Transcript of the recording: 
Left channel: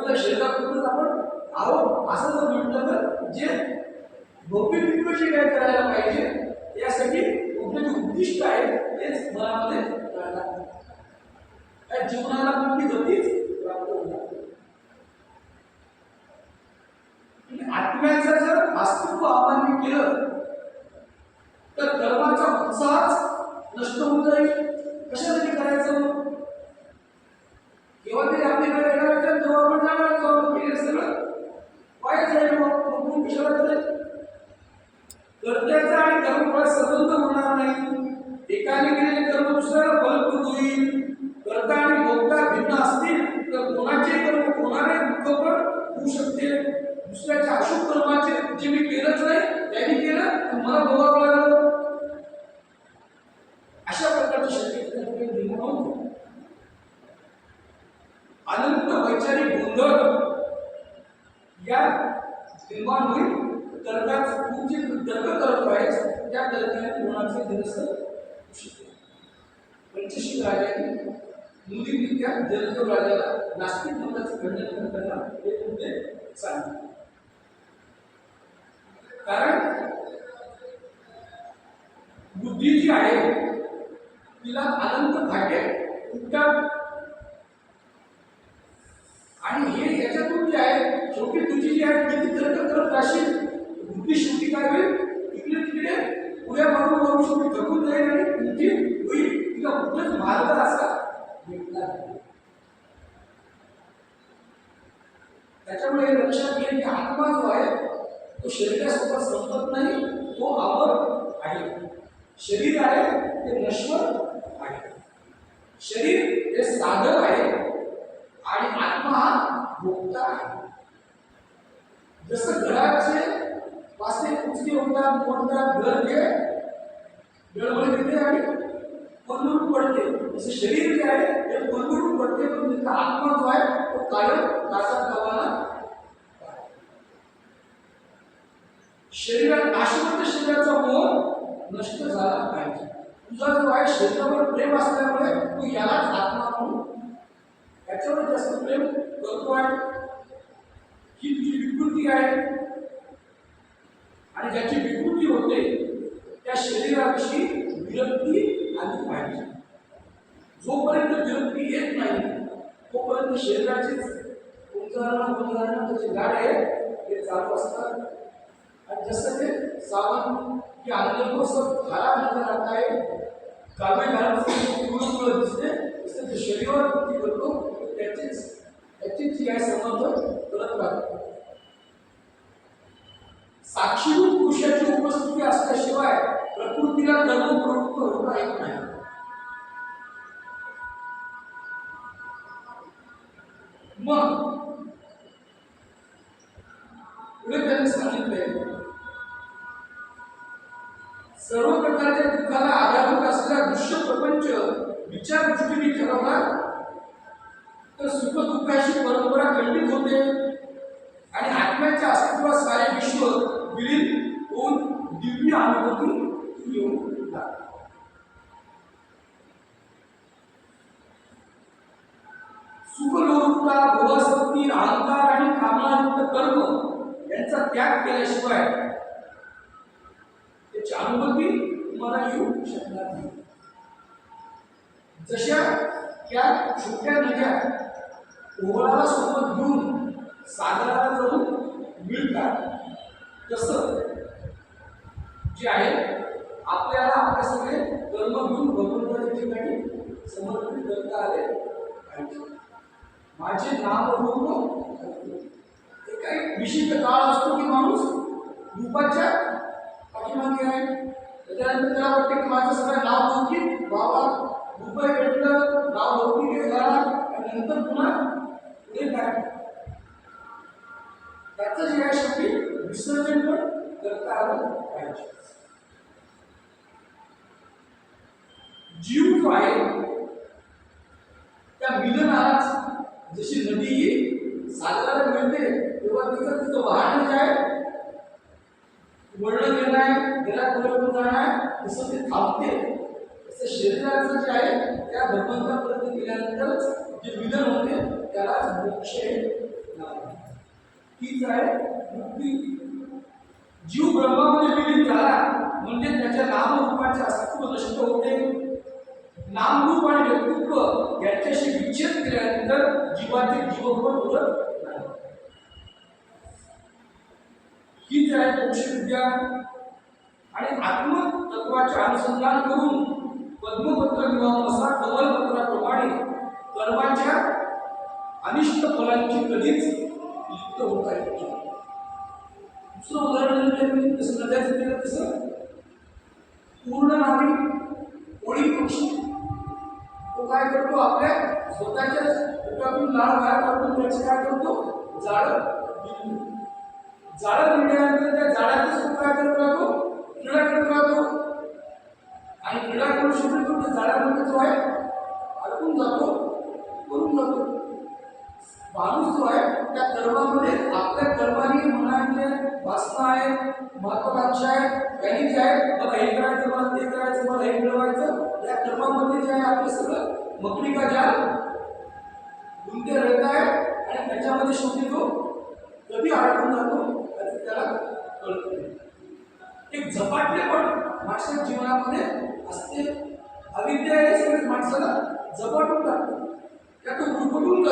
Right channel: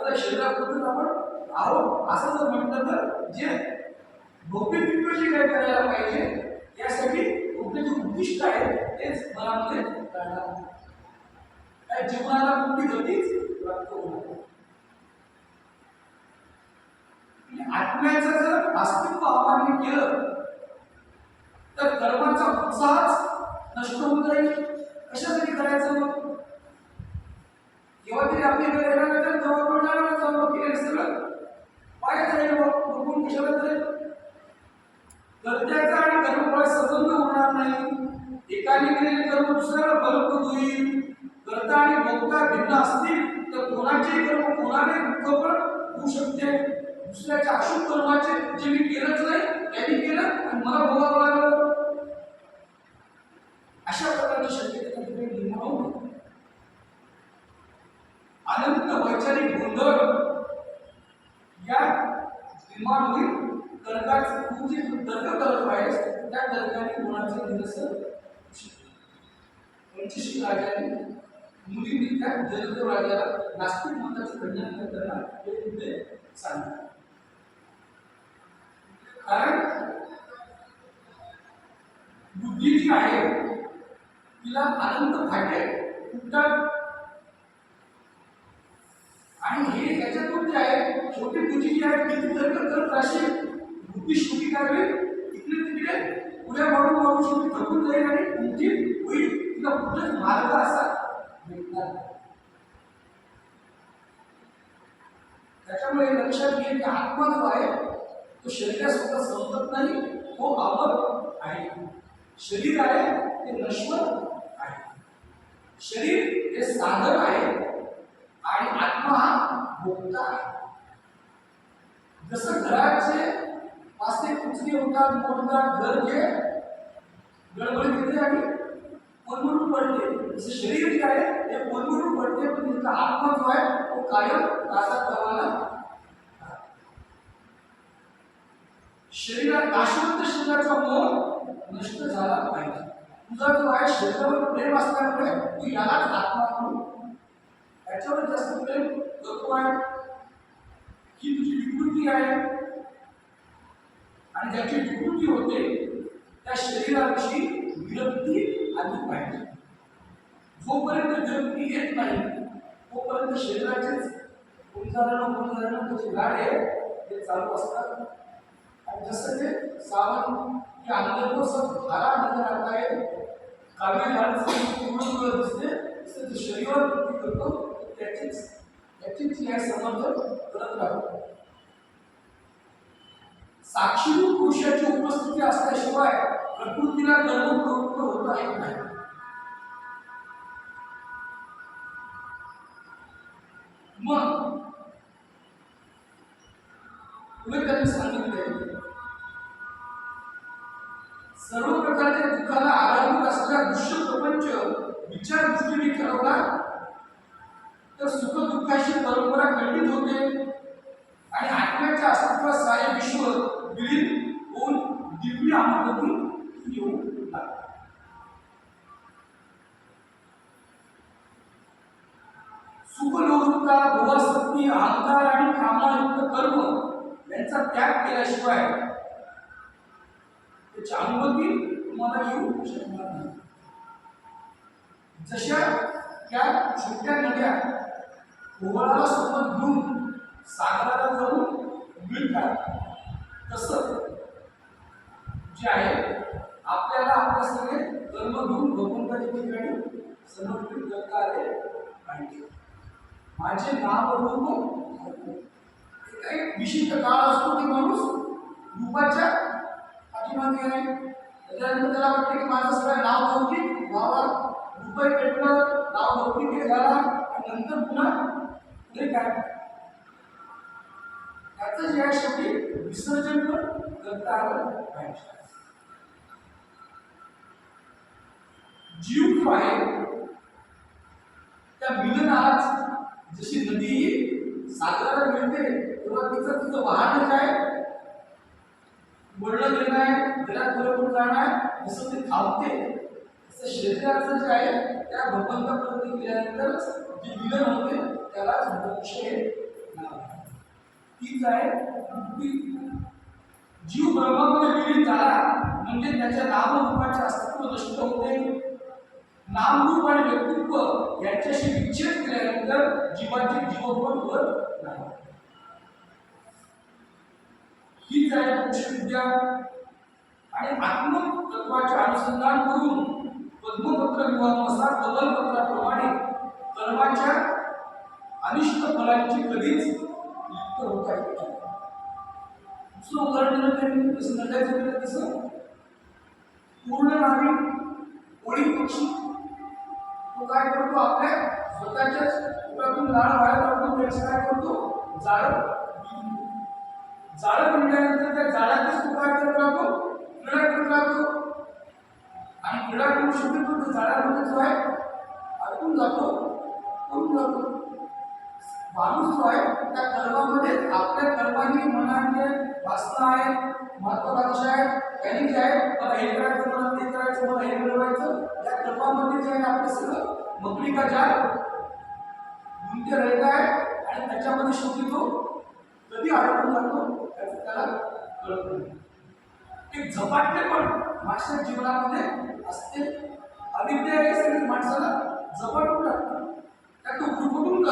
आपल्या शरीरापुरतच आपण आहोत असं जर म्हटलं तर जे भौतिक विकशी काय करायला पाहिजे यासाठी आपलं जे उद्दिष्ट आहे तेच मनामध्ये राहणार त्या जीवनाला कुठली गतीच प्राप्त होणार आणि आत्म्याचं जर अस्तित्व आव्हान केलं तर कर्माचा उत्साहच नष्ट होऊन जाईल. कशासाठी करायचं मग ते तरी आपली वेळ येणार असेल तेव्हा आपण जाणार जाऊ केलं सगळं वाईट जाईल मग कोण कशाला करेल कर्त्याचा आणि कर्मफळ स्वतंत्र होणार नाही. एकाने केलेले कर्म दुसऱ्याला फलप्रद होईल कर्ता आणि भोगता भिन्न असतील तर कोणाचे कर्म कोणाने दुःख पण होऊ शकते. दुसऱ्याच्या अशुभ कर्माचे जे मी केलंच नाही त्यांनी केलं आणि मला भोगावं लागलं अशा प्रकारची शक्यता त्या ठिकाणी निर्माण होते अनंत वैचारिक गोंधळ या निर्माण तर्कात तर्काचं तू जे तर्क करत आहेस त्या तर्काने कोणाचे निरस होऊ शकते पंचशील राजाने मुलींनी त्या जलतो राजाला नास्तिक मताचं खंडन करताना हे मुद्दे सांगितले. कारण बुद्धी जी आहे तिला अनंत फाटे कुठं आणि हे याच्यातून जे आहे शेवटी तुझी किती तर्क करत राहशील. बुद्धी शेवटी काय होईल? इकडे तिकडे पुढे मारून मारून शेवटी थकून जाईल आणि तुमची होईल. तिला कुठंच मार्ग असा भेटणार त्याच्यामुळे लक्षात घे की आत्मा जो आहे तो शरीरासोबत संपत नाही तो अमर आहे. शरीर आहे ते नश्वर आहे. शरीर हे साधन आहे आणि आत्मा हा भोक्ता आहे. जसं घराचे वास्ते कुचके होतात मोडतात घर जे गडबड येते आणि कोलमडून पडते. जसं शरीर जे आहे ते कोलमडून पडते पण त्याचा आत्मा जो आहे तो कायम नासात गावाला शरीरात नाशवंत शरीराचा मोह नष्ट झाला पाहिजे. तुझा जो आहे शरीरावर प्रेम असल्यामुळे तू यालाच आत्मा म्हणून त्याच्यावर जास्त प्रेम करतो आहे ही तुझी विकृती आहे? आणि ज्याची विकृती होते त्या शरीराविषयी विरक्ती आली पाहिजे जोपर्यंत विरक्ती येत नाही तोपर्यंत शरीराचेच उदाहरण उदाहरण त्याचे गाडे ते चालू असतात. आणि जसं ते सावन की अंदर को सब हरा नजर आता आहे काव्य घालून पिवळं पिवळं दिसते तसं ते शरीरावर करतो त्याचीच त्याचीच जी आहे संबंध करत राहतो साक्षीरूप पुरुषाची उपस्थिती असल्याशिवाय प्रकृतीला कर्मप्रवृत्त होता येत नाही. मग पुढे त्यांनी सांगितले सर्व प्रकारच्या दुःखाला आधारभूत असलेला दृश्य प्रपंच विचार दृष्टीने तर सुख दुःखाची परंपरा खंडित होते. आणि आत्म्याच्या अस्तित्वात सारे विश्व विलीन होऊन दिव्य अनुभवून येऊ लागते सुखलोलुपता भोगासक्ती अहंकार आणि कामनायुक्त कर्म यांचा त्याग केल्याशिवाय त्याची अनुभूती तुम्हाला येऊ शकणार नाही. जशा त्या छोट्या नद्या ओघळाला सोबत घेऊन सागराला जाऊन मिळतात. तसं जे आहे आपल्याला आपल्या सगळे कर्म घेऊन भगवंताच्या ठिकाणी समर्पित करता आले पाहिजे. माझे नाम रूप एक काही विशिष्ट काळ असतो की माणूस रूपाच्या पाठीमागे आहे. त्याच्यानंतर त्याला वाटतं की माझं सगळं नाव लौकिक व्हावा रुपये भेटलं नाव लौकिक हे झाला आणि नंतर पुन्हा पुढे काय त्याचं जे आहे शेवटी विसर्जन पण करता आलं पाहिजे. जीव जो आहे त्या मिलनात जशी नदी ही सागराला मिळते तेव्हा तिचं तिचं वाहन जे आहे वळण गेलं आहे घरात पुरवून जाणार तसं ते थांबते. तसं शरीराचं जे आहे त्या भगवंतापर्यंत गेल्यानंतरच जे मिलन होते त्यालाच मोक्ष हीच आहे मुक्ती. जीव ब्रह्मामध्ये विलीन झाला म्हणजे त्याच्या नामरूपाचे अस्तित्व नष्ट होते. नामरूप आणि व्यक्तित्व यांच्याशी विच्छेद केल्यानंतर जीवाचे जीवत्व उरत नाही. हीच आहे मोक्षविद्या आणि आत्मतत्वाचे अनुसंधान करून पद्मपत्र विवाहानुसार कमलपत्राप्रमाणे कर्माच्या अनिष्ट फलांची कधीच लिप्त होता येत दुसरं उदाहरण दिलं त्यांनी तसं नद्याचं केलं तसं. पूर्ण नाविक ओळी पक्षी. तो काय करतो? आपल्या स्वतःच्याच पोटातून लाळ बाहेर काढून त्याचं काय करतो? जाळं बिंदू जाळं म्हणल्यानंतर त्या जाळ्यातच तो काय करत राहतो? क्रीडा करत राहतो. आणि क्रीडा करू शकतो तो त्या जाळ्यामध्ये जो आहे अडकून जातो करून जातो. माणूस जो आहे त्या कर्मामध्ये आपल्या कर्माने मनाने वासना आहेत महत्वाकांक्षा आहेत यांनी जे आहे मला हे करायचं मला ते करायचं मला हे मिळवायचं या कर्मामध्ये जे आहे आपलं सगळं मकडी का जाल गुंते रहत आहे आणि त्याच्यामध्ये शेवटी तो कधी अडकून जातो त्याचं त्याला कळत नाही. एक झपाटले पण माणसाच्या जीवनामध्ये असते. अविद्या हे सगळे माणसाला झपाटून टाकतात त्या तो गुरफटून